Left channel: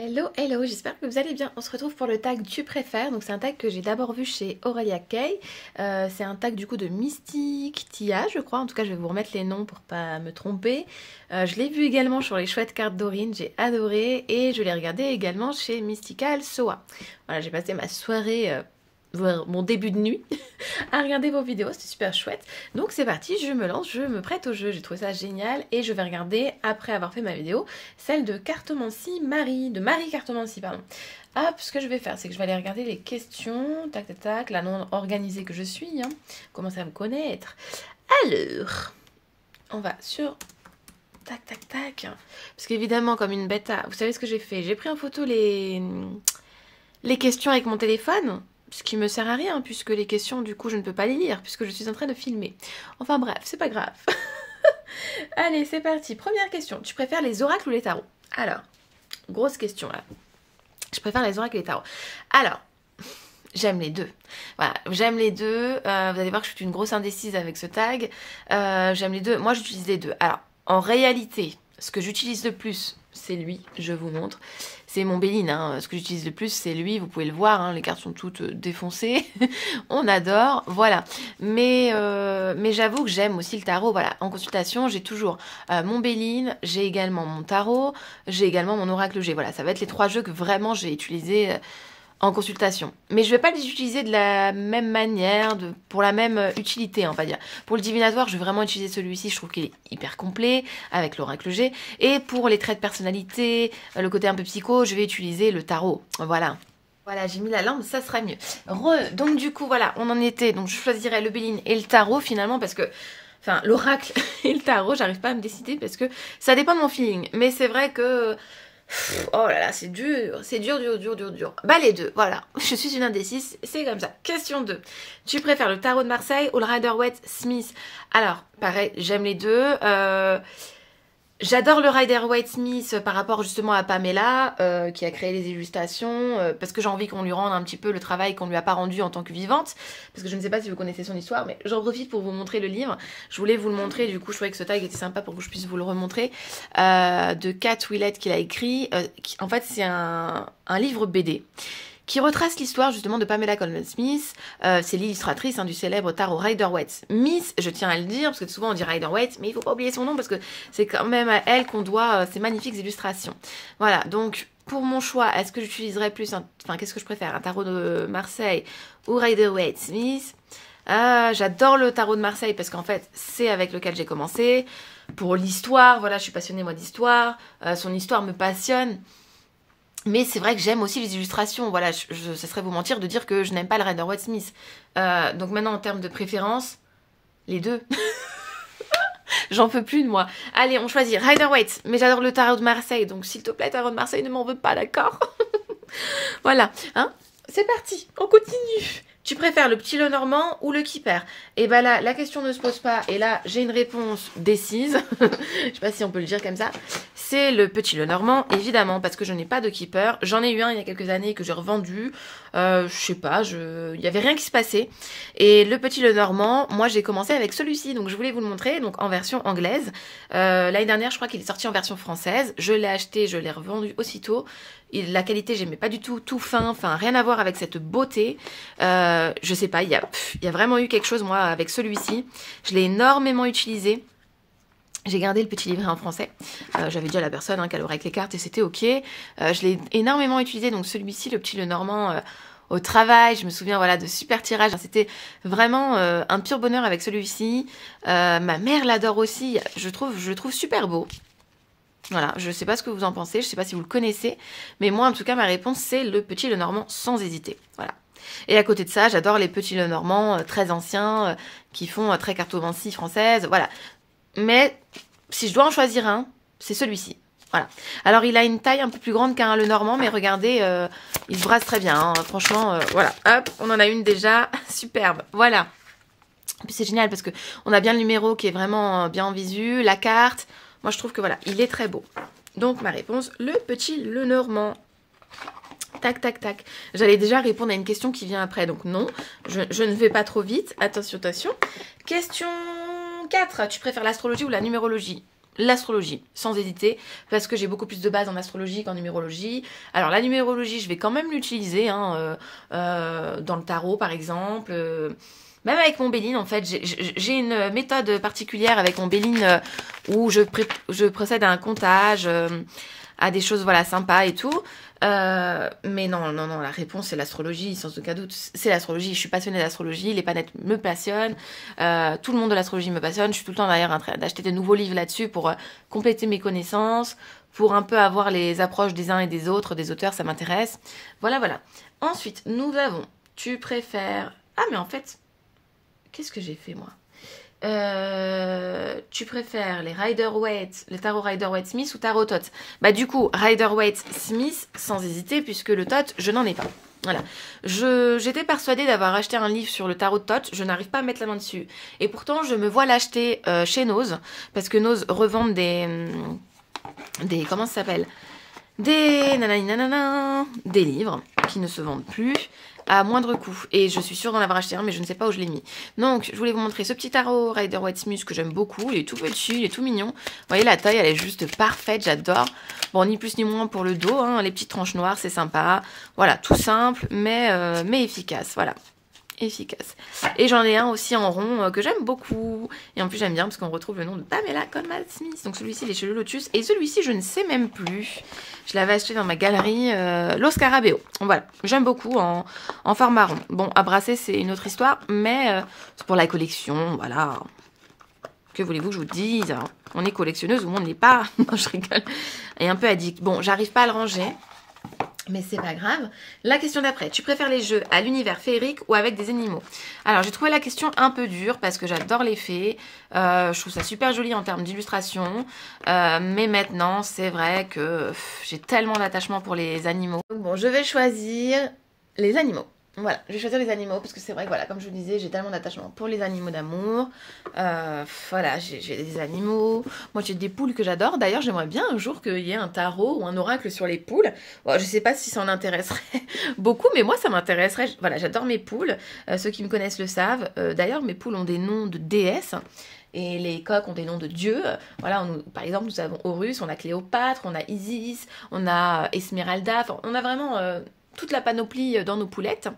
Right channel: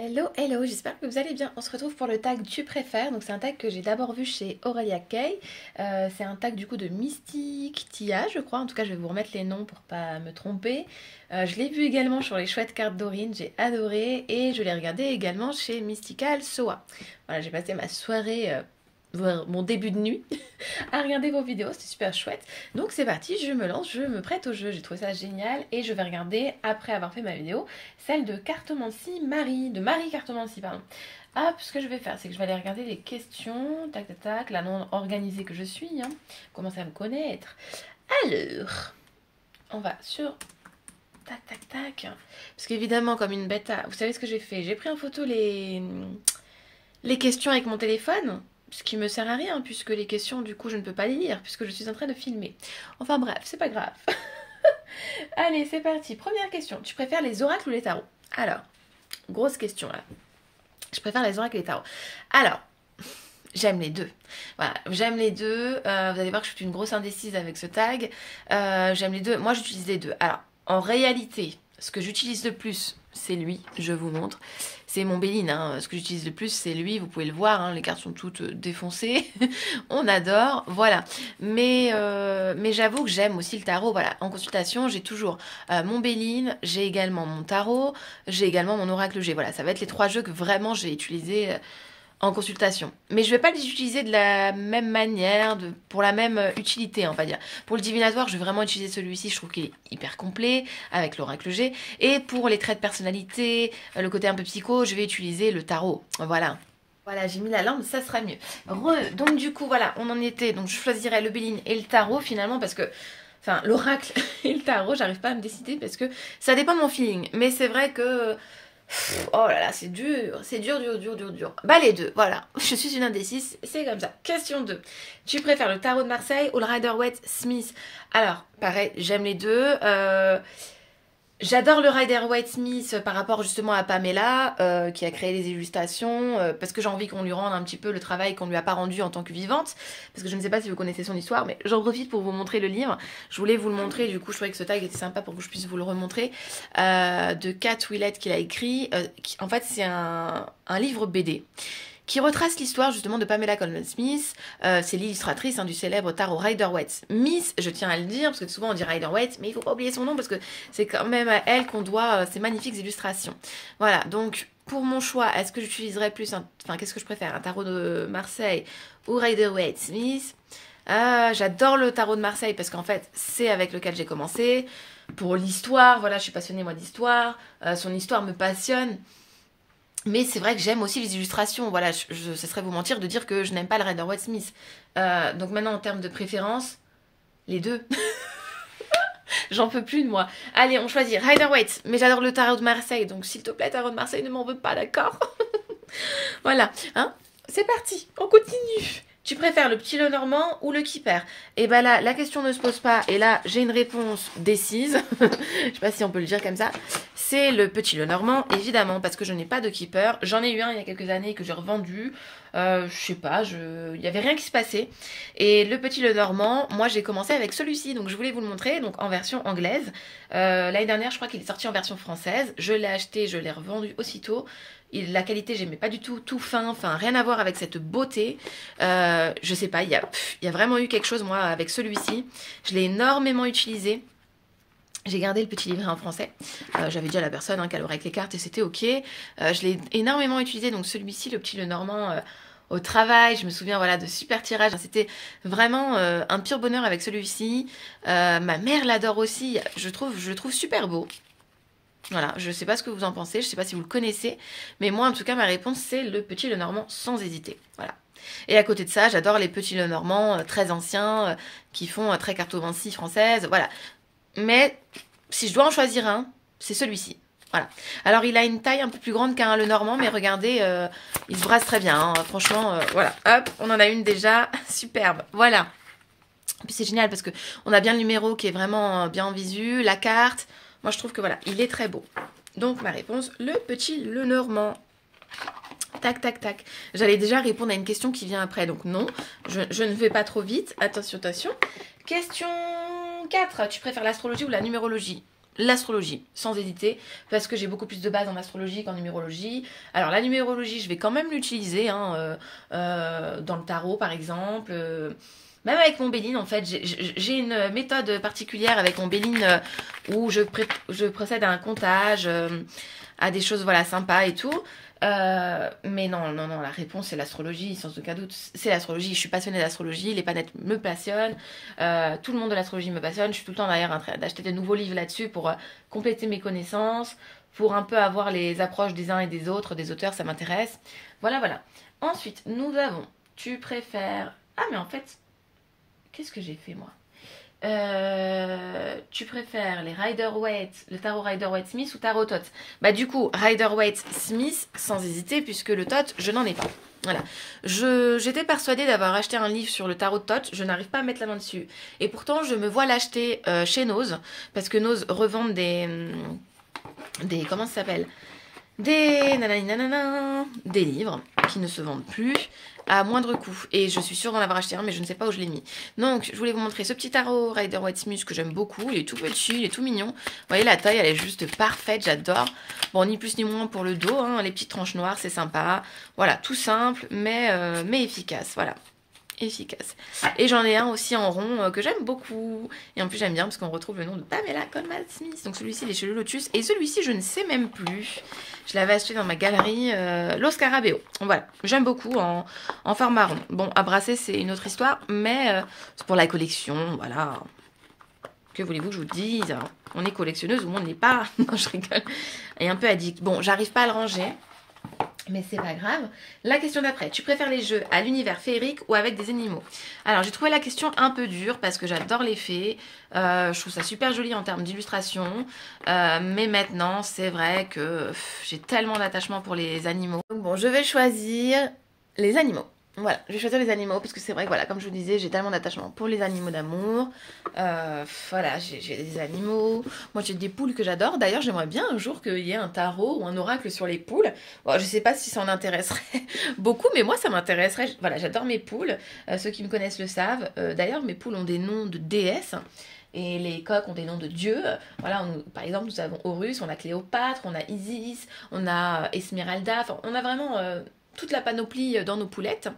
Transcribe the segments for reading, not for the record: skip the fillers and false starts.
Hello, hello, j'espère que vous allez bien. On se retrouve pour le tag tu préfères. Donc c'est un tag que j'ai d'abord vu chez Aurelia Kay. C'est un tag du coup de Mystique Tia, je crois. En tout cas, je vais vous remettre les noms pour pas me tromper. Je l'ai vu également sur les chouettes cartes Dorine, j'ai adoré. Et je l'ai regardé également chez Mystical Soa. Voilà, j'ai passé ma soirée, mon début de nuit, à regarder vos vidéos, c'était super chouette. Donc c'est parti, je me lance, je me prête au jeu, j'ai trouvé ça génial et je vais regarder, après avoir fait ma vidéo, celle de Cartomancie Marie, de Marie Cartomancie, pardon. Hop, ce que je vais faire, c'est que je vais aller regarder les questions, tac tac tac, la non organisée que je suis, hein, commencer à me connaître. Alors, on va sur... Tac tac tac, parce qu'évidemment comme une bêta, vous savez ce que j'ai fait? J'ai pris en photo les questions avec mon téléphone. Ce qui me sert à rien, puisque les questions, du coup, je ne peux pas les lire, puisque je suis en train de filmer. Enfin bref, c'est pas grave. Allez, c'est parti. Première question. Tu préfères les oracles ou les tarots? Alors, grosse question là. Je préfère les oracles et les tarots. Alors, j'aime les deux. Voilà, j'aime les deux. Vous allez voir que je suis une grosse indécise avec ce tag. J'aime les deux. Moi, j'utilise les deux. Alors, en réalité, ce que j'utilise le plus, c'est lui. Je vous montre. C'est mon Béline, hein. Ce que j'utilise le plus, c'est lui. Vous pouvez le voir, hein. Les cartes sont toutes défoncées. On adore, voilà. Mais j'avoue que j'aime aussi le tarot. Voilà, en consultation, j'ai toujours mon Béline, j'ai également mon tarot, j'ai également mon oracle G. Voilà, ça va être les trois jeux que vraiment j'ai utilisés en consultation. Mais je vais pas les utiliser de la même manière, pour la même utilité, on va dire. Pour le divinatoire, je vais vraiment utiliser celui-ci, je trouve qu'il est hyper complet, avec l'oracle G. Et pour les traits de personnalité, le côté un peu psycho, je vais utiliser le tarot. Voilà. Voilà, j'ai mis la lampe, ça sera mieux. Donc du coup, voilà, on en était. Donc je choisirais le Béline et le tarot, finalement, parce que... Enfin, l'oracle et le tarot, j'arrive pas à me décider, parce que ça dépend de mon feeling. Mais c'est vrai que... Oh là là, c'est dur, dur. Bah les deux, voilà. Je suis une indécise, c'est comme ça. Question 2. Tu préfères le tarot de Marseille ou le Rider-Waite Smith? Alors, pareil, j'aime les deux. J'adore le Rider-Waite Smith par rapport justement à Pamela, qui a créé les illustrations, parce que j'ai envie qu'on lui rende un petit peu le travail qu'on lui a pas rendu en tant que vivante, parce que je ne sais pas si vous connaissez son histoire, mais j'en profite pour vous montrer le livre. Je voulais vous le montrer, du coup je trouvais que ce tag était sympa pour que je puisse vous le remontrer, de Kat Willett qu'il a écrit. En fait c'est un livre BD qui retrace l'histoire justement de Pamela Colman Smith. C'est l'illustratrice, hein, du célèbre tarot Rider-Waite Smith. Je tiens à le dire, parce que souvent on dit Rider-Waite, mais il faut pas oublier son nom, parce que c'est quand même à elle qu'on doit ces magnifiques illustrations. Voilà, donc pour mon choix, est-ce que j'utiliserais plus, enfin qu'est-ce que je préfère, un tarot de Marseille ou Rider-Waite Smith? J'adore le tarot de Marseille, parce qu'en fait, c'est avec lequel j'ai commencé. Pour l'histoire, voilà, je suis passionnée moi d'histoire, son histoire me passionne. Mais c'est vrai que j'aime aussi les illustrations. Voilà, ce serait vous mentir de dire que je n'aime pas le Rider-Waite Smith. Donc maintenant, en termes de préférence, les deux. J'en peux plus de moi. Allez, on choisit Rider-Waite. Mais j'adore le tarot de Marseille. Donc s'il te plaît, tarot de Marseille, ne m'en veux pas, d'accord? Voilà, hein? C'est parti, on continue. Tu préfères le petit Lenormand ou le Keeper? Et ben là, la question ne se pose pas. Et là, j'ai une réponse décise. Je sais pas si on peut le dire comme ça. C'est le petit Lenormand, évidemment, parce que je n'ai pas de Keeper. J'en ai eu un il y a quelques années que j'ai revendu. Je sais pas, il y avait rien qui se passait. Et le petit Lenormand, moi j'ai commencé avec celui-ci, donc je voulais vous le montrer, donc en version anglaise. L'année dernière, je crois qu'il est sorti en version française. Je l'ai acheté, je l'ai revendu aussitôt. Et la qualité, j'aimais pas du tout, tout fin, enfin rien à voir avec cette beauté. Je sais pas, il y a vraiment eu quelque chose, moi, avec celui-ci. Je l'ai énormément utilisé. J'ai gardé le petit livret en français. J'avais dit à la personne qu'elle aurait avec les cartes et c'était ok. Je l'ai énormément utilisé, donc celui-ci, le petit Lenormand, au travail. Je me souviens, voilà, de super tirages. C'était vraiment un pur bonheur avec celui-ci. Ma mère l'adore aussi. Je le trouve super beau. Voilà, je sais pas ce que vous en pensez, je sais pas si vous le connaissez, mais moi en tout cas ma réponse c'est le petit Lenormand sans hésiter. Voilà. Et à côté de ça, j'adore les petits Lenormand très anciens qui font très cartomancie française, voilà. Mais si je dois en choisir un, c'est celui-ci. Voilà. Alors il a une taille un peu plus grande qu'un Lenormand, mais regardez, il se brasse très bien, hein. Franchement, voilà. Hop, on en a une déjà, superbe. Voilà. Et puis c'est génial parce que on a bien le numéro qui est vraiment bien en visu, la carte. Moi, je trouve que voilà, il est très beau. Donc, ma réponse, le petit Lenormand. Tac, tac, tac. J'allais déjà répondre à une question qui vient après. Donc, non, je ne vais pas trop vite. Attention, attention. Question 4. Tu préfères l'astrologie ou la numérologie? l'astrologie, sans hésiter, parce que j'ai beaucoup plus de base en astrologie qu'en numérologie. Alors la numérologie, je vais quand même l'utiliser, hein, dans le tarot par exemple, même avec mon Béline en fait, j'ai une méthode particulière avec mon Béline où je procède à un comptage, à des choses voilà sympas et tout. Mais non, la réponse c'est l'astrologie, sans aucun doute. C'est l'astrologie, je suis passionnée d'astrologie, les planètes me passionnent, tout le monde de l'astrologie me passionne, je suis tout le temps d'ailleurs en train d'acheter des nouveaux livres là-dessus pour compléter mes connaissances, pour un peu avoir les approches des uns et des autres, des auteurs, ça m'intéresse. Voilà. Ensuite, nous avons, tu préfères... Ah mais en fait, qu'est-ce que j'ai fait moi? Tu préfères les Rider-Waite, le tarot Rider-Waite-Smith ou tarot Thoth? Bah du coup, Rider-Waite-Smith sans hésiter puisque le Thoth, je n'en ai pas. Voilà. J'étais persuadée d'avoir acheté un livre sur le tarot de Thoth, je n'arrive pas à mettre la main dessus. Et pourtant, je me vois l'acheter chez Nose parce que Nose revendent des comment ça s'appelle? Des livres qui ne se vendent plus à moindre coût. Et je suis sûre d'en avoir acheté un, mais je ne sais pas où je l'ai mis. Donc, je voulais vous montrer ce petit tarot Rider-Waite-Smith que j'aime beaucoup. Il est tout petit, il est tout mignon. Vous voyez, la taille, elle est juste parfaite, j'adore. Bon, ni plus ni moins pour le dos, hein. Les petites tranches noires, c'est sympa. Voilà, tout simple, mais efficace, voilà. Efficace. Et j'en ai un aussi en rond que j'aime beaucoup. Et en plus, j'aime bien parce qu'on retrouve le nom de Pamela Colman Smith. Donc celui-ci, il est chez le Lotus. Et celui-ci, je ne sais même plus. Je l'avais acheté dans ma galerie Lo Scarabeo. Voilà. J'aime beaucoup en format rond. Bon, à brasser, c'est une autre histoire. Mais c'est pour la collection. Voilà. Que voulez-vous que je vous dise? Alors, on est collectionneuse ou on n'est pas? Non, je rigole. Et un peu addict. Bon, j'arrive pas à le ranger. Mais c'est pas grave. La question d'après, tu préfères les jeux à l'univers féerique ou avec des animaux? Alors j'ai trouvé la question un peu dure parce que j'adore les fées. Je trouve ça super joli en termes d'illustration. Mais maintenant, c'est vrai que j'ai tellement d'attachement pour les animaux. Donc bon, je vais choisir les animaux. Voilà, je vais choisir les animaux parce que c'est vrai que voilà, comme je vous disais, j'ai tellement d'attachement pour les animaux d'amour. Voilà, j'ai des animaux. Moi, j'ai des poules que j'adore. D'ailleurs, j'aimerais bien un jour qu'il y ait un tarot ou un oracle sur les poules. Bon, je sais pas si ça en intéresserait beaucoup, mais moi, ça m'intéresserait. Voilà, j'adore mes poules. Ceux qui me connaissent le savent. D'ailleurs, mes poules ont des noms de déesses. Et les coqs ont des noms de dieux. Voilà, par exemple, nous avons Horus, on a Cléopâtre, on a Isis, on a Esmeralda. Enfin, on a vraiment... toute la panoplie dans nos poulettes.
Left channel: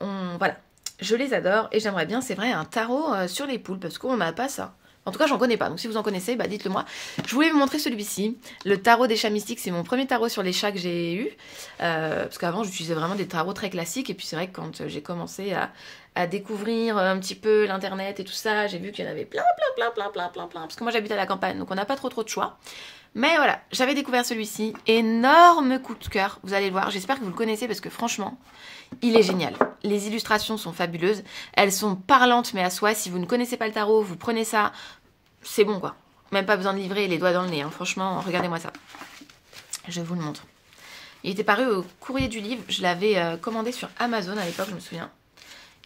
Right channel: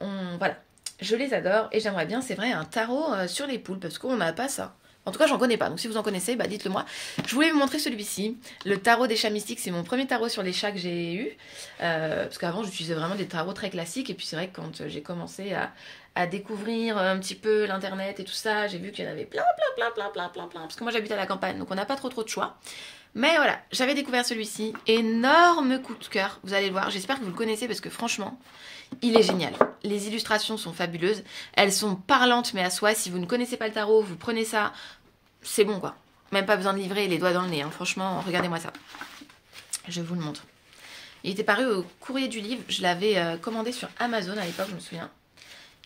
Voilà, je les adore et j'aimerais bien, c'est vrai, un tarot sur les poules parce qu'on n'a pas ça. En tout cas, j'en connais pas. Donc, si vous en connaissez, bah, dites-le moi. Je voulais vous montrer celui-ci. Le tarot des chats mystiques, c'est mon premier tarot sur les chats que j'ai eu. Parce qu'avant, j'utilisais vraiment des tarots très classiques. Et puis, c'est vrai que quand j'ai commencé à découvrir un petit peu l'internet et tout ça, j'ai vu qu'il y en avait plein. Parce que moi, j'habite à la campagne, donc on n'a pas trop de choix. Mais voilà, j'avais découvert celui-ci. Énorme coup de cœur, vous allez le voir. J'espère que vous le connaissez parce que franchement, il est génial. Les illustrations sont fabuleuses. Elles sont parlantes, mais à soi. Si vous ne connaissez pas le tarot, vous prenez ça. C'est bon, quoi. Même pas besoin de livrer les doigts dans le nez. Hein. Franchement, regardez-moi ça. Je vous le montre. Il était paru au courrier du livre. Je l'avais commandé sur Amazon à l'époque, je me souviens.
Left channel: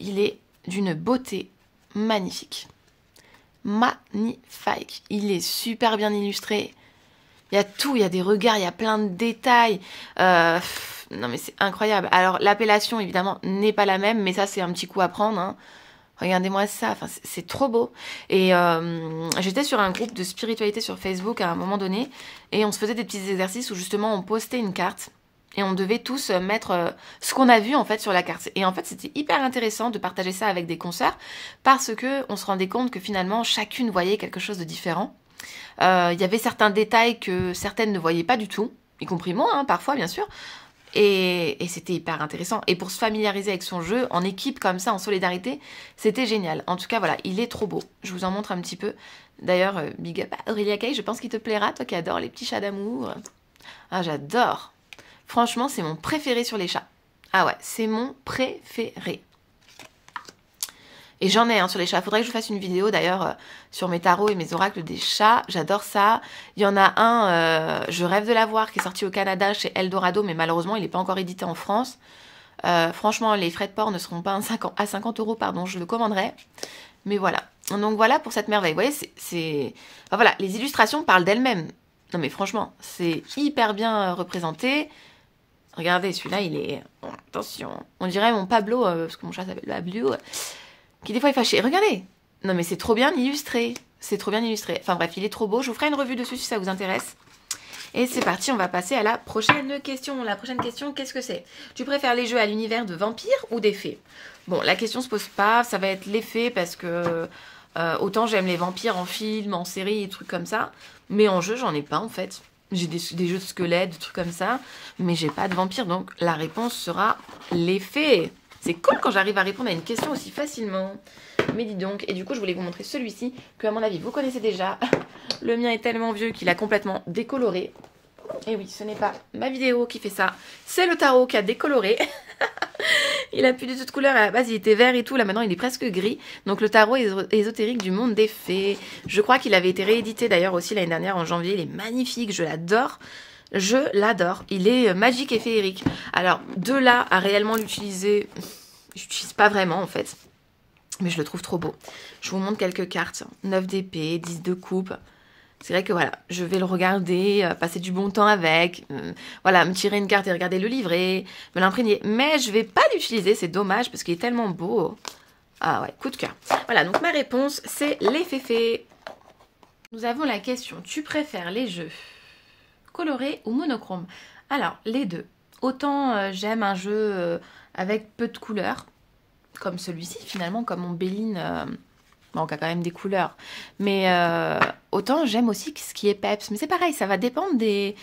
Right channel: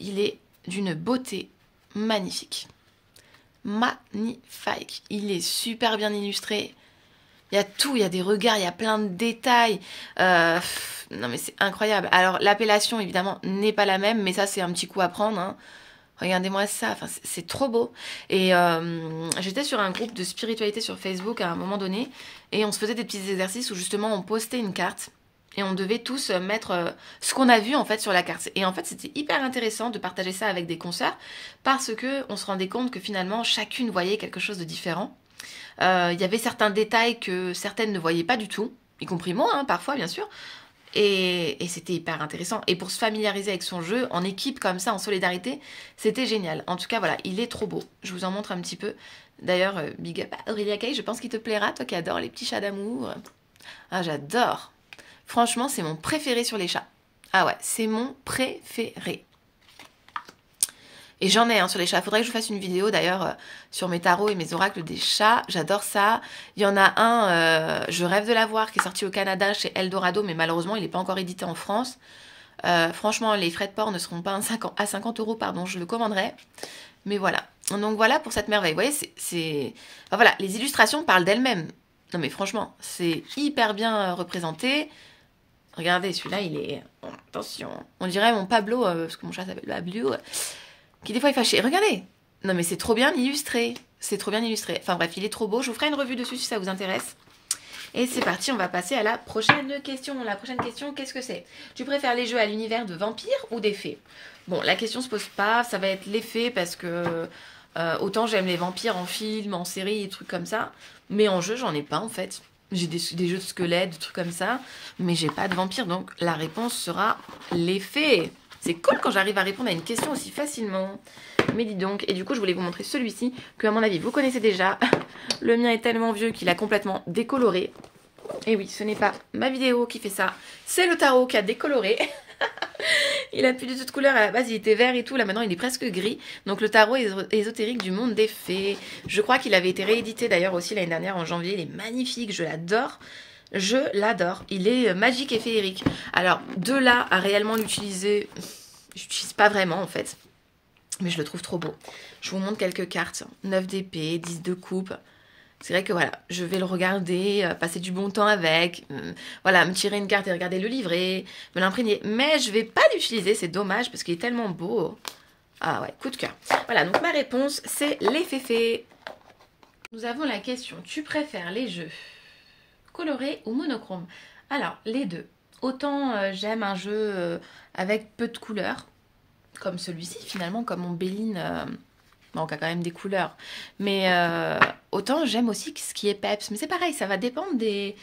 Il est d'une beauté magnifique. Magnifique. Il est super bien illustré. Il y a tout, il y a des regards, il y a plein de détails. Non mais c'est incroyable. Alors l'appellation évidemment n'est pas la même, mais ça c'est un petit coup à prendre. Hein. Regardez-moi ça, enfin, c'est trop beau. Et j'étais sur un groupe de spiritualité sur Facebook à un moment donné. Et on se faisait des petits exercices où justement on postait une carte. Et on devait tous mettre ce qu'on a vu en fait sur la carte. Et en fait c'était hyper intéressant de partager ça avec des consoeurs. Parce que on se rendait compte que finalement chacune voyait quelque chose de différent. Il y avait certains détails que certaines ne voyaient pas du tout, y compris moi, hein, parfois bien sûr, et c'était hyper intéressant. Et pour se familiariser avec son jeu, en équipe comme ça, en solidarité, c'était génial. En tout cas, voilà, il est trop beau. Je vous en montre un petit peu. D'ailleurs, big up à Aurélia Kay, je pense qu'il te plaira, toi qui adores les petits chats d'amour. Ah, j'adore. Franchement, c'est mon préféré sur les chats. Ah ouais, c'est mon préféré. Et j'en ai sur les chats. Faudrait que je vous fasse une vidéo d'ailleurs sur mes tarots et mes oracles des chats. J'adore ça. Il y en a un, je rêve de l'avoir, qui est sorti au Canada chez Eldorado, mais malheureusement, il n'est pas encore édité en France. Franchement, les frais de port ne seront pas à 50 €, pardon, je le commanderai. Mais voilà. Donc voilà pour cette merveille. Vous voyez, enfin, voilà, les illustrations parlent d'elles-mêmes. Non mais franchement, c'est hyper bien représenté. Regardez, celui-là, il est... Bon, attention. On dirait mon Pablo, parce que mon chat s'appelle Pablo... qui des fois est fâché. Regardez. Non mais c'est trop bien illustré. c'est trop bien illustré. Enfin bref, il est trop beau. Je vous ferai une revue dessus si ça vous intéresse. Et c'est parti, on va passer à la prochaine question. La prochaine question, qu'est-ce que c'est? Tu préfères les jeux à l'univers de vampires ou des fées? Bon, la question se pose pas, ça va être les fées parce que autant j'aime les vampires en film, en série et trucs comme ça, mais en jeu, j'en ai pas en fait. J'ai des jeux de squelettes, des trucs comme ça, mais j'ai pas de vampires, donc la réponse sera les fées. C'est cool quand j'arrive à répondre à une question aussi facilement. Mais dis donc, et du coup je voulais vous montrer celui-ci, que à mon avis vous connaissez déjà. Le mien est tellement vieux qu'il a complètement décoloré. Et oui, ce n'est pas ma vidéo qui fait ça, c'est le tarot qui a décoloré. Il a plus du tout de couleur, à la base il était vert et tout, là maintenant il est presque gris. Donc le tarot ésotérique du monde des fées. Je crois qu'il avait été réédité d'ailleurs aussi l'année dernière en janvier, il est magnifique, je l'adore. Je l'adore, il est magique et féerique. Alors de là à réellement l'utiliser, je l'utilise pas vraiment en fait. Mais je le trouve trop beau. Je vous montre quelques cartes. 9 d'épée, 10 de coupe. C'est vrai que voilà, je vais le regarder, passer du bon temps avec. Voilà, me tirer une carte et regarder le livret, me l'imprégner. Mais je vais pas l'utiliser, c'est dommage parce qu'il est tellement beau. Ah ouais, coup de cœur. Voilà, donc ma réponse, c'est les féfés. Nous avons la question, tu préfères les jeux colorés ou monochromes? Alors, les deux. Autant j'aime un jeu avec peu de couleurs, comme celui-ci finalement, comme mon Béline, bon, qui a quand même des couleurs. Mais autant j'aime aussi ce qui est peps. Mais c'est pareil, ça va dépendre des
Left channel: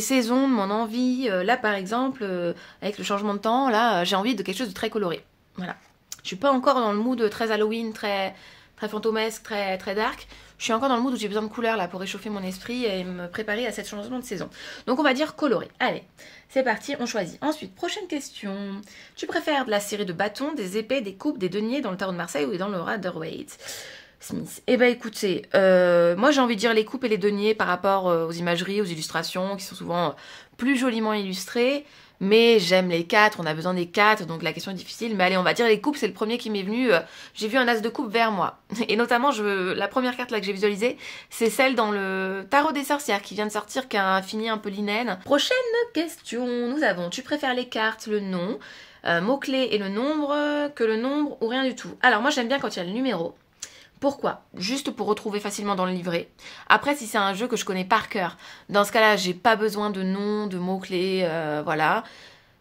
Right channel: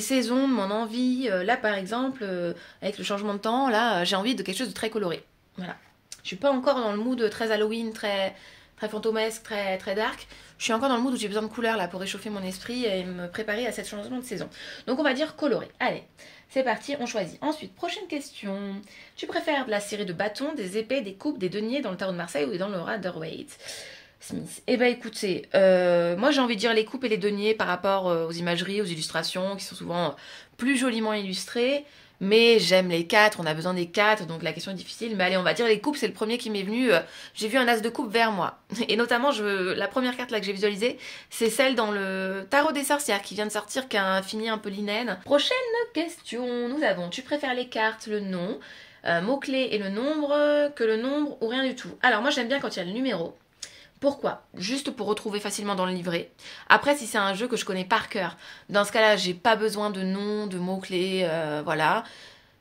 saisons, de mon envie. Là par exemple, avec le changement de temps, là j'ai envie de quelque chose de très coloré. Voilà. Je suis pas encore dans le mood très Halloween, très fantomesque, très dark. Je suis encore dans le mood où j'ai besoin de couleurs là pour réchauffer mon esprit et me préparer à cette changement de saison. Donc on va dire coloré. Allez, c'est parti, on choisit. Ensuite, prochaine question. Tu préfères de la série de bâtons, des épées, des coupes, des deniers dans le tarot de Marseille ou dans le Rider-Waite Smith? Eh ben écoutez, moi j'ai envie de dire les coupes et les deniers par rapport aux imageries, aux illustrations qui sont souvent plus joliment illustrées. Mais j'aime les 4, on a besoin des 4, donc la question est difficile. Mais allez, on va dire les coupes, c'est le premier qui m'est venu. J'ai vu un as de coupe vers moi. Et notamment, la première carte là que j'ai visualisée, c'est celle dans le tarot des sorcières qui vient de sortir, qui a un fini un peu linen. Prochaine question, nous avons, tu préfères les cartes, le nom, mots-clés et le nombre, que le nombre ou rien du tout? Alors moi j'aime bien quand il y a le numéro. Pourquoi? Juste pour retrouver facilement dans le livret. Après, si c'est un jeu que je connais par cœur, dans ce cas-là, j'ai pas besoin de nom, de mots-clés, voilà.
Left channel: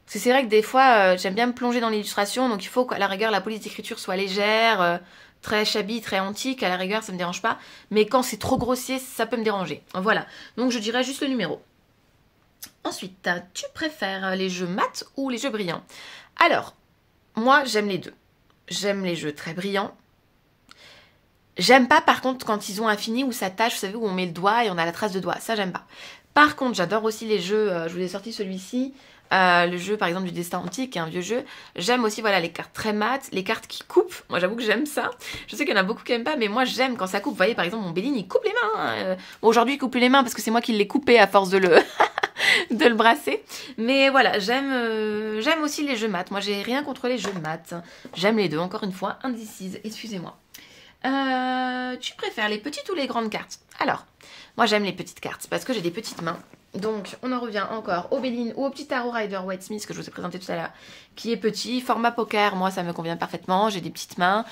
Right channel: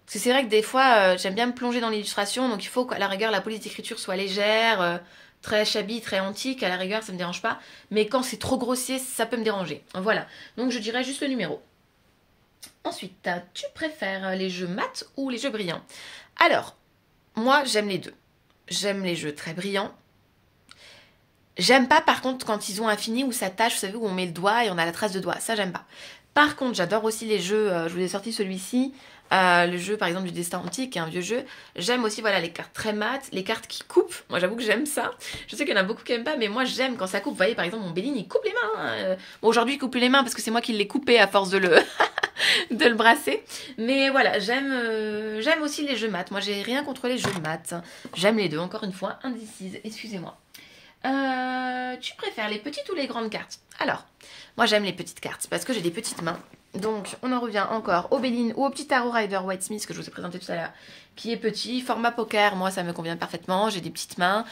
C'est vrai que des fois, j'aime bien me plonger dans l'illustration, donc il faut qu'à la rigueur, la police d'écriture soit légère, très shabby, très antique, à la rigueur, ça me dérange pas. Mais quand c'est trop grossier, ça peut me déranger. Voilà. Donc je dirais juste le numéro. Ensuite, tu préfères les jeux mat ou les jeux brillants? Alors, moi, j'aime les deux. J'aime les jeux très brillants. J'aime pas par contre quand ils ont un fini où ça tâche, vous savez, où on met le doigt et on a la trace de doigt. Ça, j'aime pas. Par contre, j'adore aussi les jeux, je vous ai sorti celui-ci, le jeu par exemple du destin antique, qui est un vieux jeu. J'aime aussi voilà les cartes très mates, les cartes qui coupent. Moi, j'avoue que j'aime ça. Je sais qu'il y en a beaucoup qui aiment pas, mais moi, j'aime quand ça coupe. Vous voyez, par exemple, mon Béline, il coupe les mains. Bon, aujourd'hui, il coupe plus les mains parce que c'est moi qui l'ai coupé à force de le... de le brasser. Mais voilà, j'aime aussi les jeux maths. Moi, j'ai rien contre les jeux de maths. J'aime les deux, encore une fois, indécise, excusez-moi. Tu préfères les petites ou les grandes cartes? Alors, moi j'aime les petites cartes parce que j'ai des petites mains. Donc, on en revient encore au Béline ou au petit tarot Rider-Waite Smith que je vous ai présenté tout à l'heure, qui est petit. Format poker, moi ça me convient parfaitement. J'ai des petites mains.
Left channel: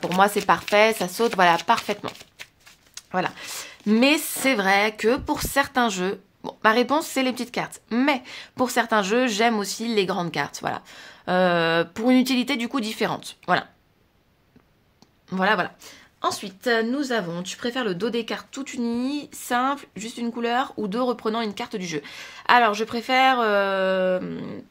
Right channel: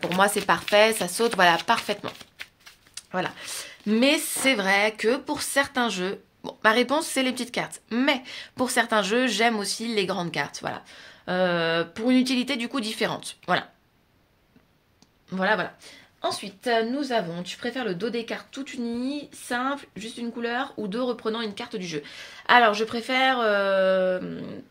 Pour moi, c'est parfait. Ça saute, voilà, parfaitement. Voilà. Mais c'est vrai que pour certains jeux, bon, ma réponse c'est les petites cartes. Mais pour certains jeux, j'aime aussi les grandes cartes. Voilà. Pour une utilité du coup différente. Voilà. Voilà. Ensuite, nous avons, tu préfères le dos des cartes tout uni, simple, juste une couleur, ou deux reprenant une carte du jeu? Alors, je préfère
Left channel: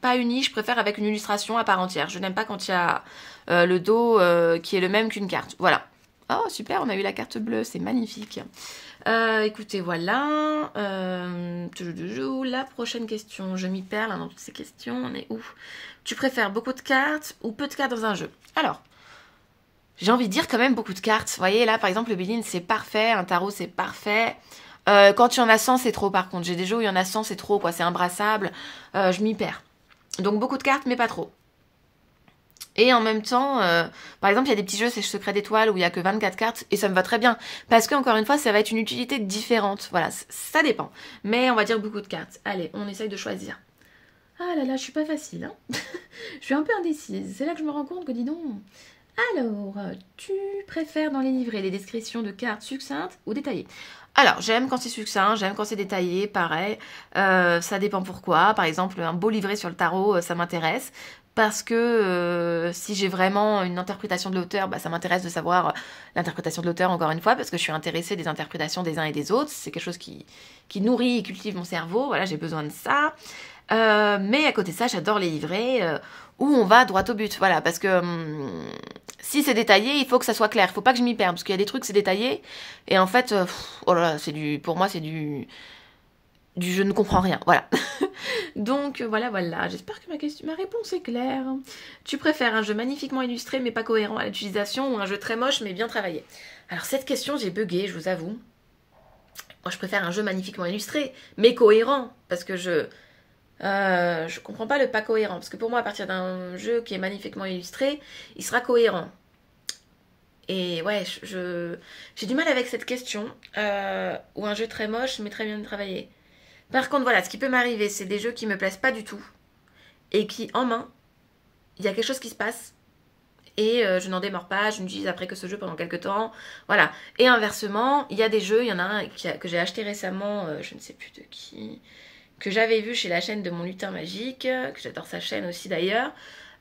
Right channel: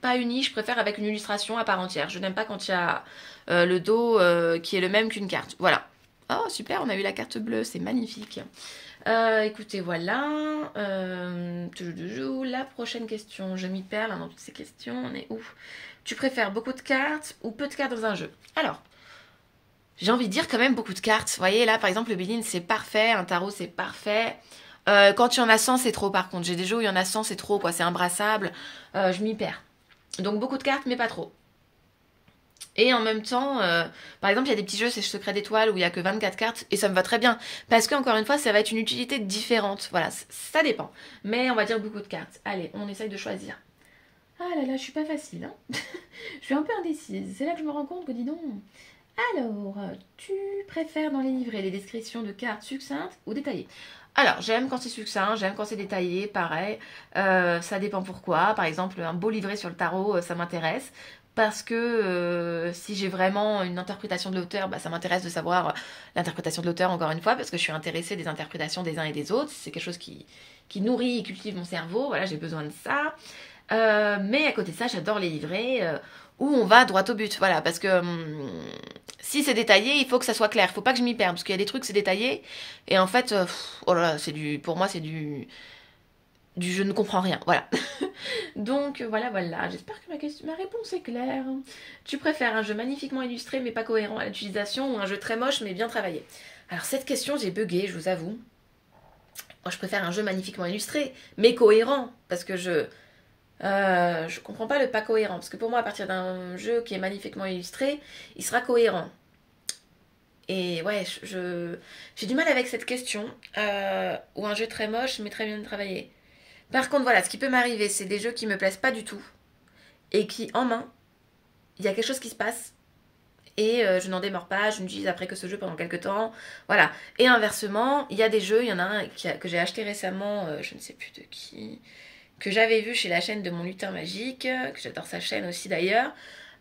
pas uni, je préfère avec une illustration à part entière. Je n'aime pas quand il y a le dos qui est le même qu'une carte. Voilà. Oh, super, on a eu la carte bleue, c'est magnifique. Écoutez, voilà. La prochaine question, je m'y perds là, dans toutes ces questions, on est où? Tu préfères beaucoup de cartes ou peu de cartes dans un jeu? Alors, j'ai envie de dire quand même beaucoup de cartes. Vous voyez, là, par exemple, le Béline, c'est parfait. Un tarot, c'est parfait. Quand il y en a 100, c'est trop, par contre. J'ai des jeux où il y en a 100, c'est trop, quoi. C'est imbrassable. Je m'y perds. Donc, beaucoup de cartes, mais pas trop. Et en même temps, par exemple, il y a des petits jeux, c'est Secret d'étoiles, où il n'y a que 24 cartes. Et ça me va très bien. Parce que, encore une fois, ça va être une utilité différente. Voilà, ça dépend. Mais on va dire beaucoup de cartes. Allez, on essaye de choisir. Ah là là, je suis pas facile. Hein. Je suis un peu indécise. C'est là que je me rends compte que, dis donc... Alors, tu préfères dans les livrets les descriptions de cartes succinctes ou détaillées? Alors, j'aime quand c'est succinct, j'aime quand c'est détaillé, pareil. Ça dépend pourquoi. Par exemple, un beau livret sur le tarot, ça m'intéresse. Parce que si j'ai vraiment une interprétation de l'auteur, bah, ça m'intéresse de savoir l'interprétation de l'auteur, encore une fois, parce que je suis intéressée des interprétations des uns et des autres. C'est quelque chose qui nourrit et cultive mon cerveau. Voilà, j'ai besoin de ça. Mais à côté de ça, j'adore les livrets où on va droit au but. Voilà, parce que si c'est détaillé, il faut que ça soit clair. Il faut pas que je m'y perde, parce qu'il y a des trucs, c'est détaillé. Et en fait, oh là là, pour moi, c'est du je ne comprends rien. Voilà. Donc voilà. J'espère que ma réponse est claire. Tu préfères un jeu magnifiquement illustré mais pas cohérent à l'utilisation ou un jeu très moche mais bien travaillé? Alors cette question, j'ai bugué, je vous avoue. Moi, je préfère un jeu magnifiquement illustré mais cohérent parce que je comprends pas le pas cohérent. Parce que pour moi, à partir d'un jeu qui est magnifiquement illustré, il sera cohérent. Et ouais, j'ai du mal avec cette question. Ou un jeu très moche mais très bien travaillé. Par contre, voilà, ce qui peut m'arriver, c'est des jeux qui me plaisent pas du tout et qui, en main, il y a quelque chose qui se passe et je n'en démords pas, je n'utilise après que ce jeu pendant quelques temps. Voilà. Et inversement, il y a des jeux, il y en a un que j'ai acheté récemment, je ne sais plus de qui, que j'avais vu chez la chaîne de mon lutin magique, que j'adore sa chaîne aussi d'ailleurs.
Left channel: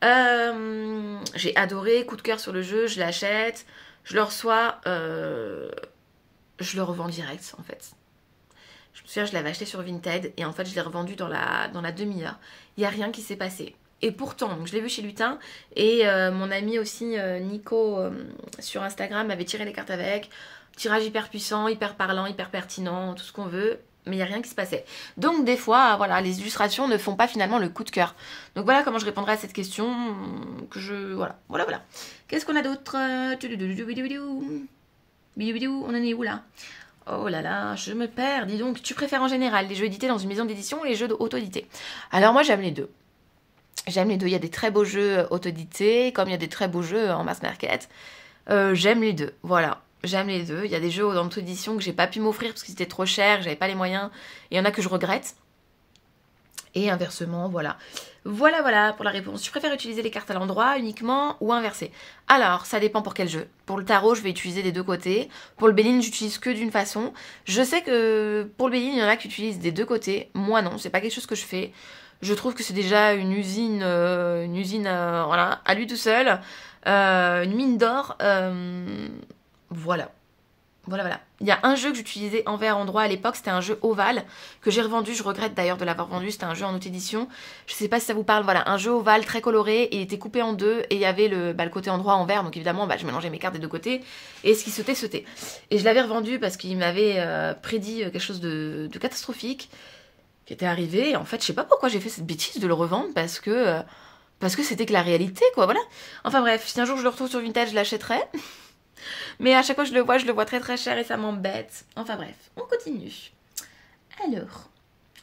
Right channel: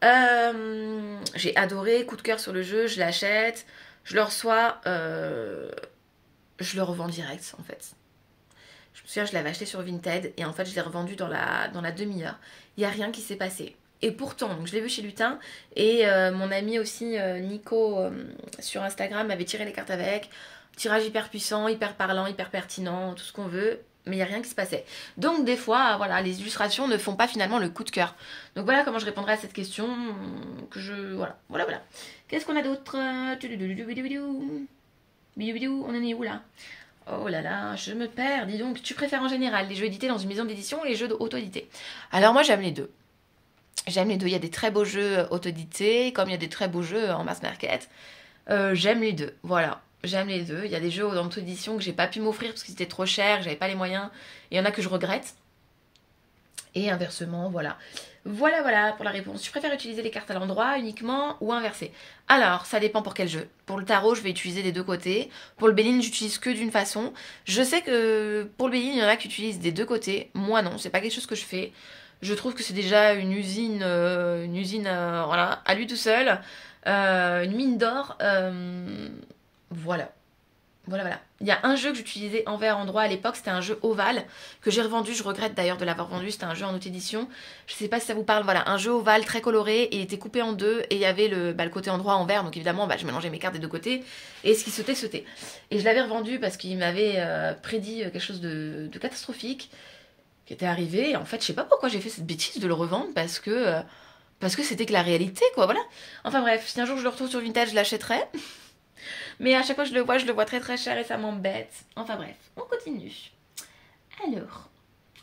J'ai adoré, coup de cœur sur le jeu, je l'achète, je le reçois, je le revends direct en fait. Je me souviens, je l'avais acheté sur Vinted et en fait, je l'ai revendu dans la demi-heure. Il n'y a rien qui s'est passé. Et pourtant, donc, je l'ai vu chez Lutin et mon ami aussi, Nico, sur Instagram, avait tiré les cartes avec. Tirage hyper puissant, hyper parlant, hyper pertinent, tout ce qu'on veut. Mais il n'y a rien qui se passait. Donc des fois, voilà, les illustrations ne font pas finalement le coup de cœur. Donc voilà comment je répondrai à cette question. Voilà. Qu'est-ce qu'on a d'autre? On en est où là? Oh là là, je me perds. Dis donc, tu préfères en général les jeux édités dans une maison d'édition ou les jeux auto-édités? Alors moi, j'aime les deux. J'aime les deux. Il y a des très beaux jeux auto-édités, comme il y a des très beaux jeux en mass market. J'aime les deux. Voilà, j'aime les deux. Il y a des jeux en auto-édition que j'ai pas pu m'offrir parce que c'était trop cher, que j'avais pas les moyens. Et il y en a que je regrette. Et inversement, voilà. Voilà pour la réponse. Tu préfères utiliser les cartes à l'endroit uniquement ou inversé? Alors, ça dépend pour quel jeu. Pour le tarot, je vais utiliser des deux côtés. Pour le Béline, j'utilise que d'une façon. Je sais que pour le Béline, il y en a qui utilisent des deux côtés. Moi, non, c'est pas quelque chose que je fais. Je trouve que c'est déjà une usine, voilà, à lui tout seul. Une mine d'or. Voilà. Voilà. Il y a un jeu que j'utilisais envers endroit à l'époque, c'était un jeu ovale que j'ai revendu. Je regrette d'ailleurs de l'avoir vendu. C'était un jeu en auto-édition. Je sais pas si ça vous parle. Voilà, un jeu ovale très coloré et il était coupé en deux et il y avait le côté endroit envers. Donc évidemment, je mélangeais mes cartes des deux côtés et ce qui sautait. Et je l'avais revendu parce qu'il m'avait prédit quelque chose de catastrophique qui était arrivé. Et en fait, je sais pas pourquoi j'ai fait cette bêtise de le revendre parce que c'était que la réalité, quoi. Voilà. Enfin bref, si un jour je le retrouve sur Vinted, je l'achèterai. Mais à chaque fois que je le vois très très cher et ça m'embête. Enfin bref, on continue. Alors,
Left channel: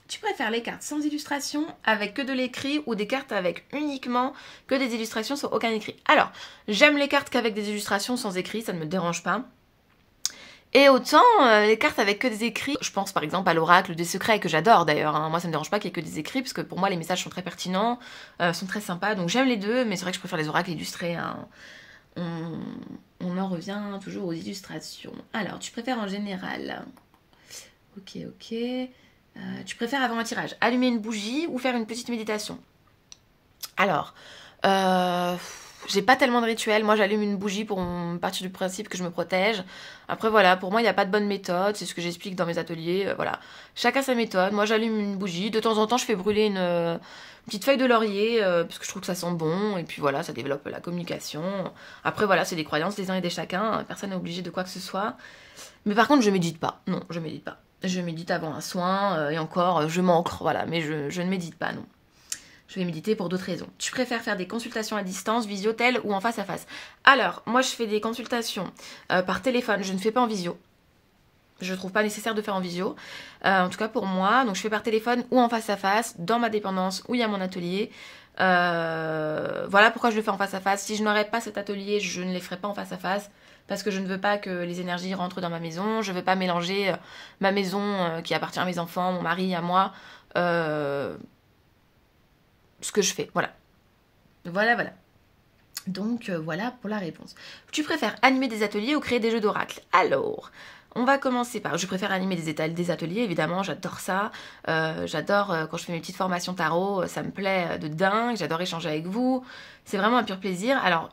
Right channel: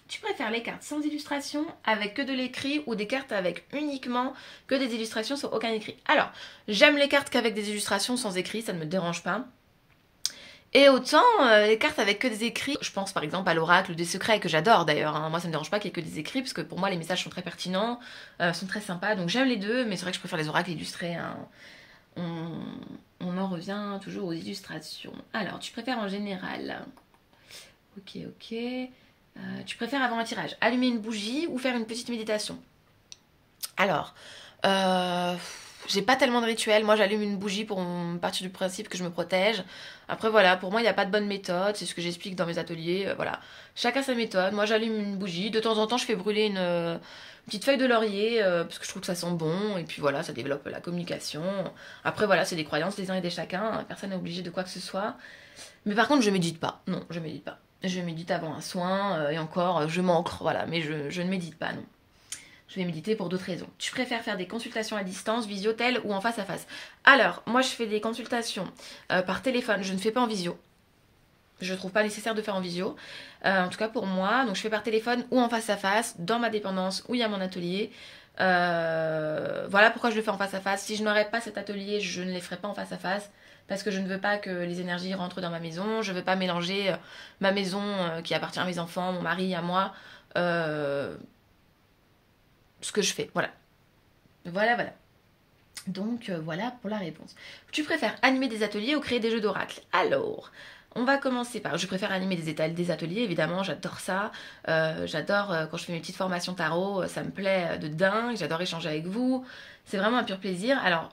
tu préfères les cartes sans illustration avec que de l'écrit ou des cartes avec uniquement que des illustrations sans aucun écrit? Alors, j'aime les cartes qu'avec des illustrations sans écrit, ça ne me dérange pas. Et autant les cartes avec que des écrits, je pense par exemple à l'oracle des secrets que j'adore d'ailleurs, hein. Moi ça me dérange pas qu'il y ait que des écrits parce que pour moi les messages sont très pertinents, sont très sympas, donc j'aime les deux, mais c'est vrai que je préfère les oracles illustrés, hein. On en revient toujours aux illustrations. Alors, tu préfères en général? Ok. Tu préfères avant un tirage allumer une bougie ou faire une petite méditation? Alors, j'ai pas tellement de rituel. Moi, j'allume une bougie pour partir du principe que je me protège. Après, voilà, pour moi, il n'y a pas de bonne méthode. C'est ce que j'explique dans mes ateliers. Voilà, chacun sa méthode. Moi, j'allume une bougie. De temps en temps, je fais brûler une petite feuille de laurier parce que je trouve que ça sent bon. Et puis voilà, ça développe la communication. Après, voilà, c'est des croyances des uns et des chacun. Personne n'est obligé de quoi que ce soit. Mais par contre, je médite pas. Non, je médite pas. Je médite avant un soin. Et encore, je m'ancre. Voilà, mais je ne médite pas, non. Je vais méditer pour d'autres raisons. Tu préfères faire des consultations à distance, visio, tel ou en face à face? Alors, moi je fais des consultations par téléphone, je ne fais pas en visio. Je ne trouve pas nécessaire de faire en visio. En tout cas pour moi, donc je fais par téléphone ou en face à face, dans ma dépendance ou il y a mon atelier. Voilà pourquoi je le fais en face à face. Si je n'aurais pas cet atelier, je ne les ferais pas en face à face. Parce que je ne veux pas que les énergies rentrent dans ma maison. Je ne veux pas mélanger ma maison qui appartient à mes enfants, mon mari, à moi. Ce que je fais, voilà. Donc voilà pour la réponse. Tu préfères animer des ateliers ou créer des jeux d'oracle? Alors, on va commencer par... Je préfère animer des ateliers, évidemment, j'adore ça. J'adore quand je fais mes petites formations tarot, ça me plaît de dingue. J'adore échanger avec vous. C'est vraiment un pur plaisir. Alors,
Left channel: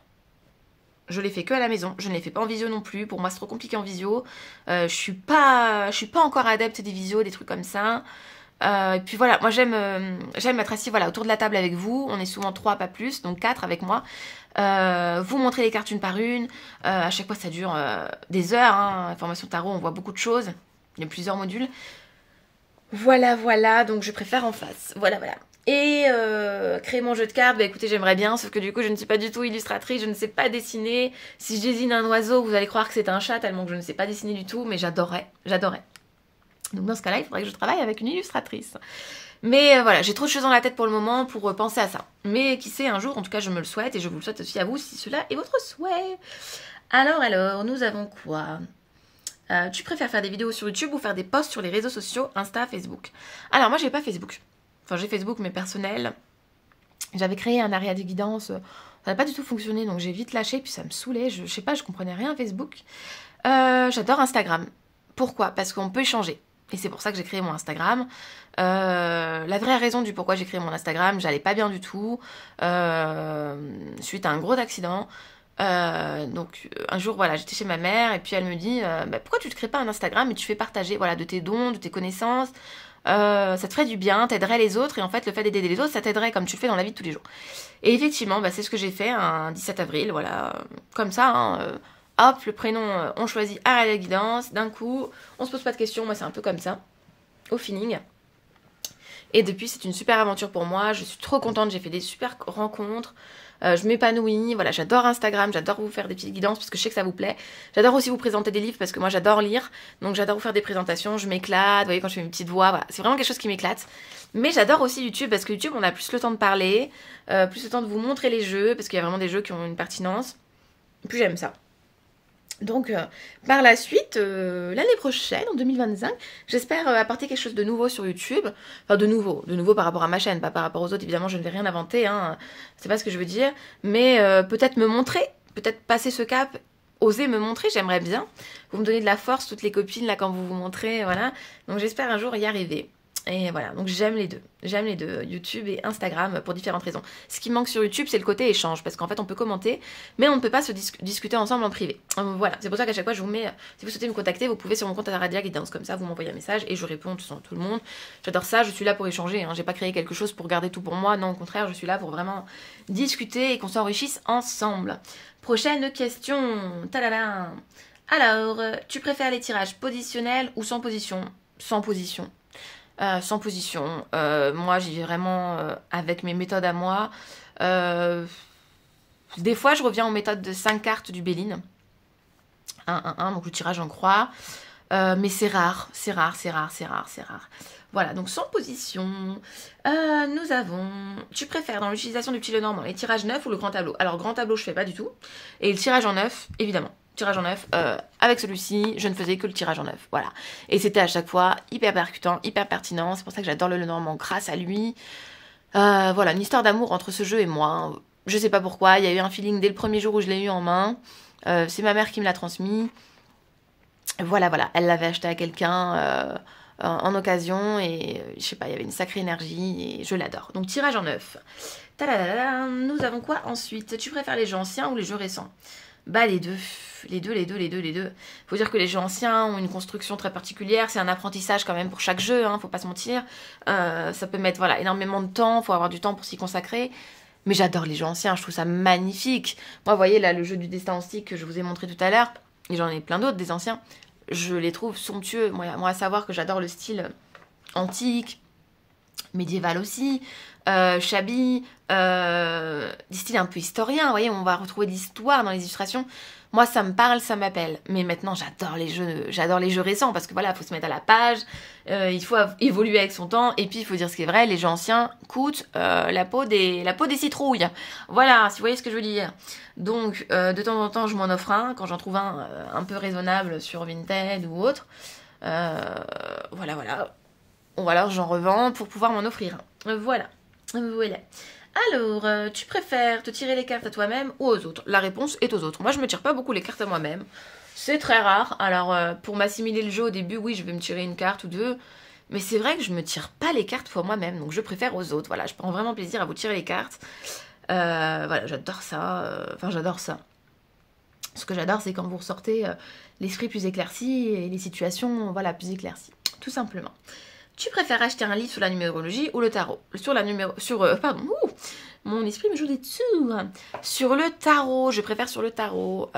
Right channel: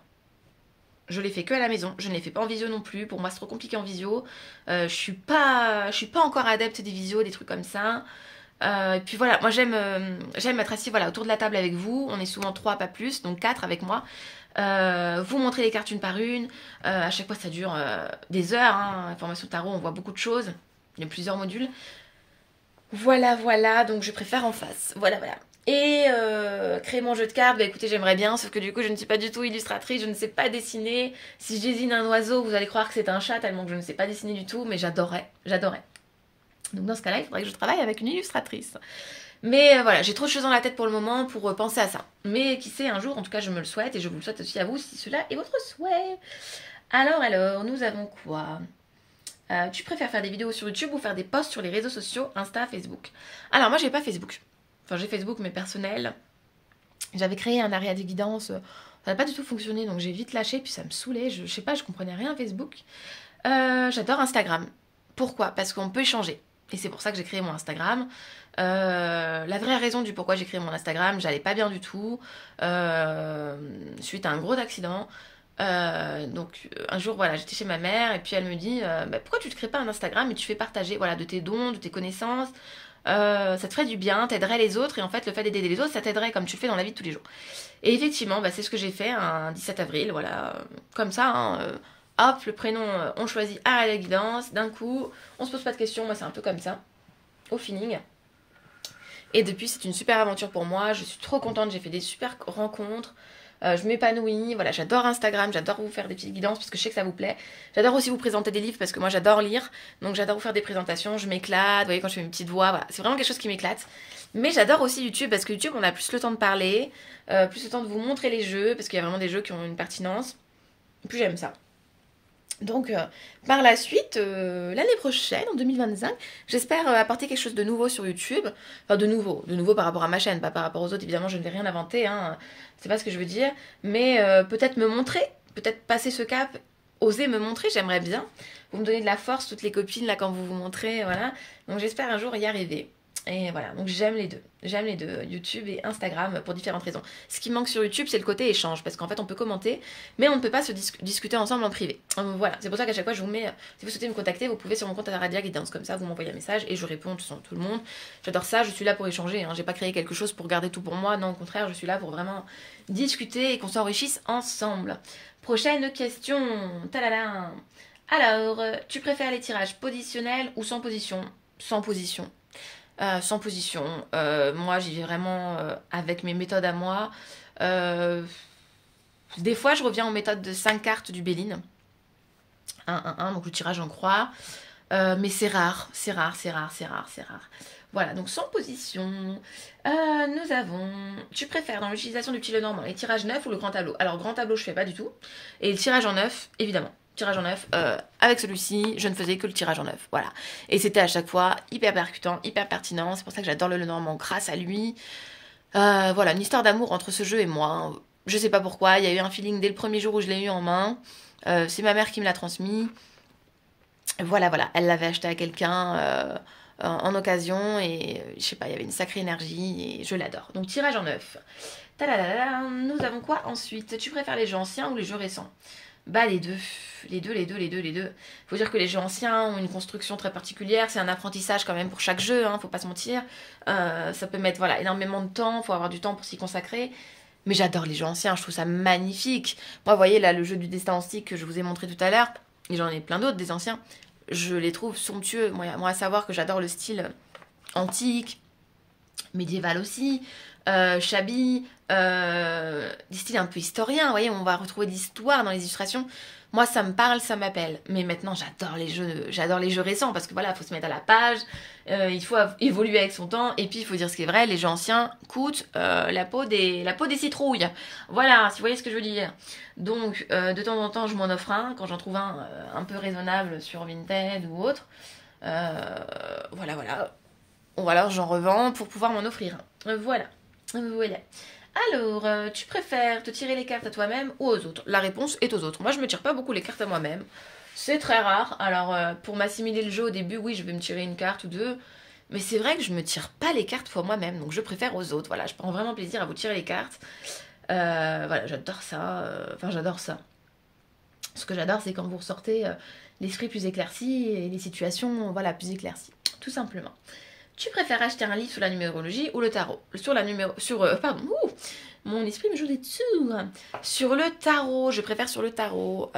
je l'ai fait que à la maison, je ne l'ai fait pas en visio non plus. Pour moi, c'est trop compliqué en visio. Je suis pas encore adepte des visios, des trucs comme ça. Et puis voilà, moi j'aime être assis voilà, autour de la table avec vous. On est souvent 3, pas plus, donc 4 avec moi. Vous montrez les cartes une par une. À chaque fois, ça dure des heures. Hein. Formation tarot, on voit beaucoup de choses. Il y a plusieurs modules. Voilà, voilà. Donc, je préfère en face. Voilà, voilà. Et créer mon jeu de cartes, bah écoutez, j'aimerais bien, sauf que du coup, je ne suis pas du tout illustratrice, je ne sais pas dessiner. Si je dessine un oiseau, vous allez croire que c'est un chat, tellement que je ne sais pas dessiner du tout, mais j'adorerais, j'adorerais. Donc dans ce cas-là, il faudrait que je travaille avec une illustratrice. Mais voilà, j'ai trop de choses dans la tête pour le moment pour penser à ça. Mais qui sait, un jour, en tout cas, je me le souhaite et je vous le souhaite aussi à vous si cela est votre souhait. Alors, nous avons quoi? Tu préfères faire des vidéos sur YouTube ou faire des posts sur les réseaux sociaux, Insta, Facebook? Alors moi, j'ai pas Facebook. Enfin, j'ai Facebook, mais personnel. J'avais créé un area de guidance. Ça n'a pas du tout fonctionné, donc j'ai vite lâché. Puis ça me saoulait. Je sais pas, je comprenais rien à Facebook. J'adore Instagram. Pourquoi? Parce qu'on peut échanger. Et c'est pour ça que j'ai créé mon Instagram. La vraie raison du pourquoi j'ai créé mon Instagram, j'allais pas bien du tout. Suite à un gros accident. Donc un jour voilà, j'étais chez ma mère et puis elle me dit bah, pourquoi tu te crées pas un Instagram et tu fais partager voilà, de tes dons, de tes connaissances. Ça te ferait du bien, t'aiderais les autres et en fait le fait d'aider les autres ça t'aiderait comme tu le fais dans la vie de tous les jours. Et effectivement bah, c'est ce que j'ai fait un 17 avril, voilà, comme ça, hein, hop, le prénom on choisit à la guidance, d'un coup on se pose pas de questions, moi c'est un peu comme ça, au feeling. Et depuis c'est une super aventure pour moi, je suis trop contente, j'ai fait des super rencontres. Je m'épanouis, voilà, j'adore Instagram, j'adore vous faire des petites guidances parce que je sais que ça vous plaît. J'adore aussi vous présenter des livres parce que moi j'adore lire, donc j'adore vous faire des présentations, je m'éclate, vous voyez quand je fais une petite voix, voilà, c'est vraiment quelque chose qui m'éclate. Mais j'adore aussi YouTube parce que YouTube on a plus le temps de parler, plus le temps de vous montrer les jeux parce qu'il y a vraiment des jeux qui ont une pertinence. Et puis j'aime ça. Donc par la suite, l'année prochaine, en 2025, j'espère apporter quelque chose de nouveau sur YouTube. Enfin de nouveau par rapport à ma chaîne, pas par rapport aux autres, évidemment je ne vais rien inventer, hein. C'est pas ce que je veux dire. Mais peut-être me montrer, peut-être passer ce cap, oser me montrer, j'aimerais bien. Vous me donnez de la force, toutes les copines, là quand vous vous montrez, voilà. Donc j'espère un jour y arriver. Et voilà, donc j'aime les deux, YouTube et Instagram pour différentes raisons. Ce qui manque sur YouTube, c'est le côté échange, parce qu'en fait on peut commenter, mais on ne peut pas se discuter ensemble en privé. Voilà, c'est pour ça qu'à chaque fois je vous mets, si vous souhaitez me contacter, vous pouvez sur mon compte Aradia Guidance, comme ça vous m'envoyez un message et je réponds tout le monde. J'adore ça, je suis là pour échanger, hein. J'ai pas créé quelque chose pour garder tout pour moi, non au contraire, je suis là pour vraiment discuter et qu'on s'enrichisse ensemble. Prochaine question, tadadam. Alors, tu préfères les tirages positionnels ou sans position? Sans position. Sans position. Moi, j'y vais vraiment avec mes méthodes à moi. Des fois, je reviens aux méthodes de 5 cartes du Béline. 1, donc le tirage en croix. Mais c'est rare, c'est rare. Voilà, donc sans position. Nous avons... Tu préfères dans l'utilisation du petit Lenormand les tirages neufs ou le grand tableau? Alors, grand tableau, je fais pas du tout. Et le tirage en neuf, évidemment. Tirage en neuf, avec celui-ci, je ne faisais que le tirage en neuf, voilà. Et c'était à chaque fois hyper percutant, hyper pertinent, c'est pour ça que j'adore le Lenormand grâce à lui. Voilà, une histoire d'amour entre ce jeu et moi. Je sais pas pourquoi, il y a eu un feeling dès le premier jour où je l'ai eu en main. C'est ma mère qui me l'a transmis. Voilà, elle l'avait acheté à quelqu'un en occasion et je sais pas, il y avait une sacrée énergie et je l'adore. Donc tirage en neuf. Tadadada, nous avons quoi ensuite? Tu préfères les jeux anciens ou les jeux récents? Bah les deux. Faut dire que les jeux anciens ont une construction très particulière, c'est un apprentissage quand même pour chaque jeu, hein, faut pas se mentir. Ça peut mettre voilà, énormément de temps, faut avoir du temps pour s'y consacrer. Mais j'adore les jeux anciens, je trouve ça magnifique. Moi, vous voyez là, le jeu du destin en stick que je vous ai montré tout à l'heure, et j'en ai plein d'autres des anciens, je les trouve somptueux. Moi à savoir que j'adore le style antique, médiéval aussi, shabby, des styles un peu historiens, vous voyez, on va retrouver de l'histoire dans les illustrations. Moi, ça me parle, ça m'appelle. Mais maintenant, j'adore les jeux récents parce que voilà, il faut se mettre à la page, il faut évoluer avec son temps. Et puis, il faut dire ce qui est vrai, les jeux anciens coûtent la peau des citrouilles. Voilà, si vous voyez ce que je veux dire. Donc, de temps en temps, je m'en offre un quand j'en trouve un peu raisonnable sur Vinted ou autre. Voilà. Ou alors, j'en revends pour pouvoir m'en offrir un. Voilà. Alors, tu préfères te tirer les cartes à toi-même ou aux autres? La réponse est aux autres. Moi, je me tire pas beaucoup les cartes à moi-même. C'est très rare. Alors, pour m'assimiler le jeu au début, oui, je vais me tirer une carte ou deux. Mais c'est vrai que je me tire pas les cartes pour moi-même. Donc, je préfère aux autres. Voilà, je prends vraiment plaisir à vous tirer les cartes. Voilà, j'adore ça. Enfin, j'adore ça. Ce que j'adore, c'est quand vous ressortez l'esprit plus éclairci et les situations, voilà, plus éclaircies. Tout simplement. Tu préfères acheter un livre sur la numérologie ou le tarot? Pardon, mon esprit me joue des tours. Sur le tarot, je préfère sur le tarot.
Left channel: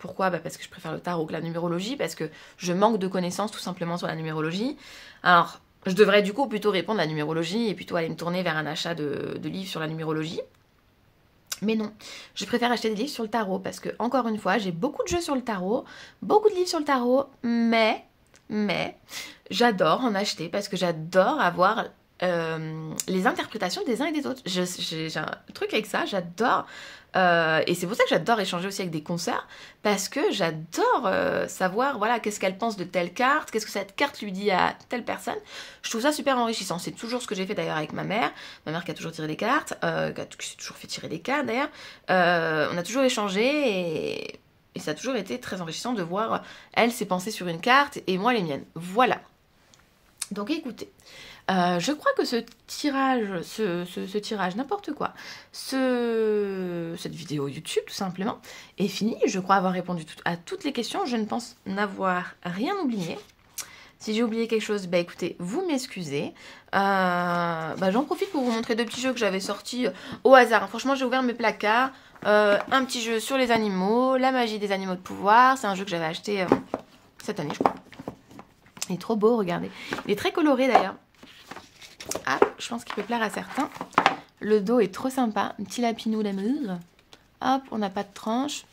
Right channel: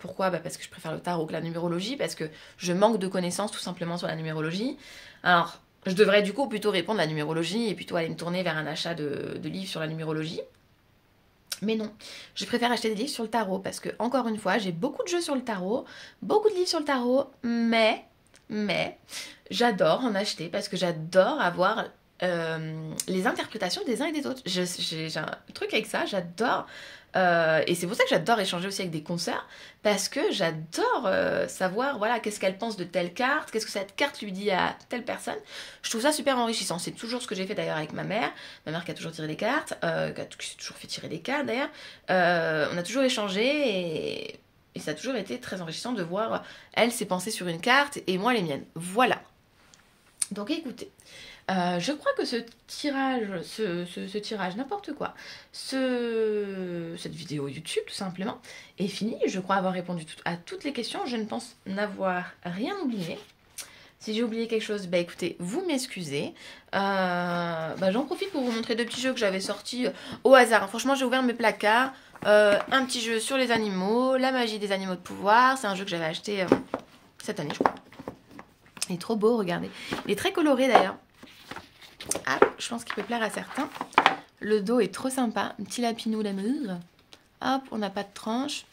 Pourquoi? Parce que je préfère le tarot que la numérologie, parce que je manque de connaissances tout simplement sur la numérologie. Alors, je devrais du coup plutôt répondre à la numérologie et plutôt aller me tourner vers un achat de livres sur la numérologie. Mais non, je préfère acheter des livres sur le tarot parce que, encore une fois, j'ai beaucoup de jeux sur le tarot, beaucoup de livres sur le tarot, mais j'adore en acheter parce que j'adore avoir les interprétations des uns et des autres. J'ai un truc avec ça, j'adore. Et c'est pour ça que j'adore échanger aussi avec des consoeurs parce que j'adore savoir voilà qu'est-ce qu'elle pense de telle carte, qu'est-ce que cette carte lui dit à telle personne. Je trouve ça super enrichissant. C'est toujours ce que j'ai fait d'ailleurs avec ma mère qui a toujours tiré des cartes, qui s'est toujours fait tirer des cartes d'ailleurs. On a toujours échangé et ça a toujours été très enrichissant de voir elle ses pensées sur une carte et moi les miennes. Voilà. Donc écoutez. Je crois que ce tirage, n'importe quoi, cette vidéo YouTube tout simplement, est finie. Je crois avoir répondu à toutes les questions. Je ne pense n'avoir rien oublié. Si j'ai oublié quelque chose, bah écoutez, vous m'excusez. J'en profite pour vous montrer deux petits jeux que j'avais sortis au hasard. Franchement, j'ai ouvert mes placards. Un petit jeu sur les animaux, la magie des animaux de pouvoir. C'est un jeu que j'avais acheté cette année, je crois. Il est trop beau, regardez. Il est très coloré d'ailleurs. Ah, je pense qu'il peut plaire à certains. Le dos est trop sympa. Un petit lapinou d'amour. Hop, on n'a pas de tranche.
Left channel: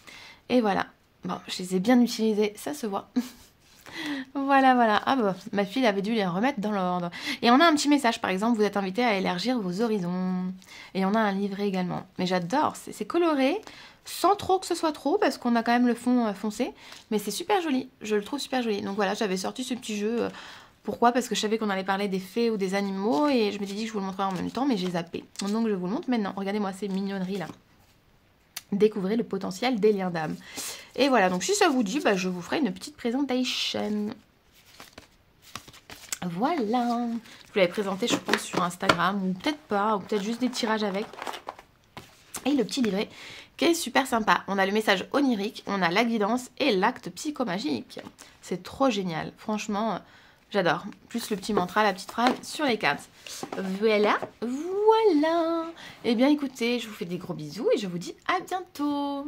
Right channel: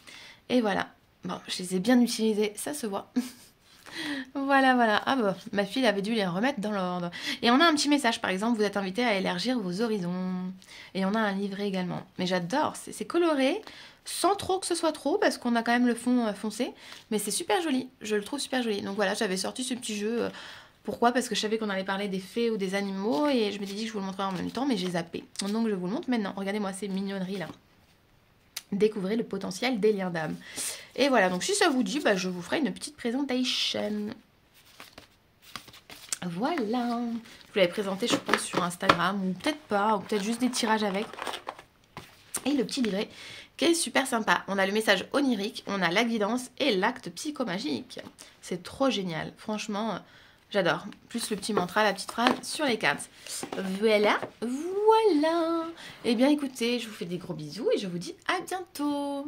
Et voilà. Bon, je les ai bien utilisés, ça se voit. Voilà. Ah bah, ma fille avait dû les remettre dans l'ordre. Et on a un petit message, par exemple, vous êtes invité à élargir vos horizons. Et on a un livret également. Mais j'adore, c'est coloré, sans trop que ce soit trop, parce qu'on a quand même le fond foncé. Mais c'est super joli, je le trouve super joli. Donc voilà, j'avais sorti ce petit jeu... Pourquoi? Parce que je savais qu'on allait parler des fées ou des animaux et je me suis dit que je vous le montrerais en même temps, mais j'ai zappé. Donc je vous le montre maintenant. Regardez-moi ces mignonneries là. Découvrez le potentiel des liens d'âme. Et voilà, donc si ça vous dit, je vous ferai une petite présentation. Voilà. Je vous l'avais présenté, je pense, sur Instagram, ou peut-être pas, ou peut-être juste des tirages avec. Et le petit livret qui est super sympa. On a le message onirique, on a la guidance et l'acte psychomagique. C'est trop génial, franchement... J'adore. Plus le petit mantra, la petite phrase sur les cartes. Voilà. Eh bien, écoutez, je vous fais des gros bisous et je vous dis à bientôt.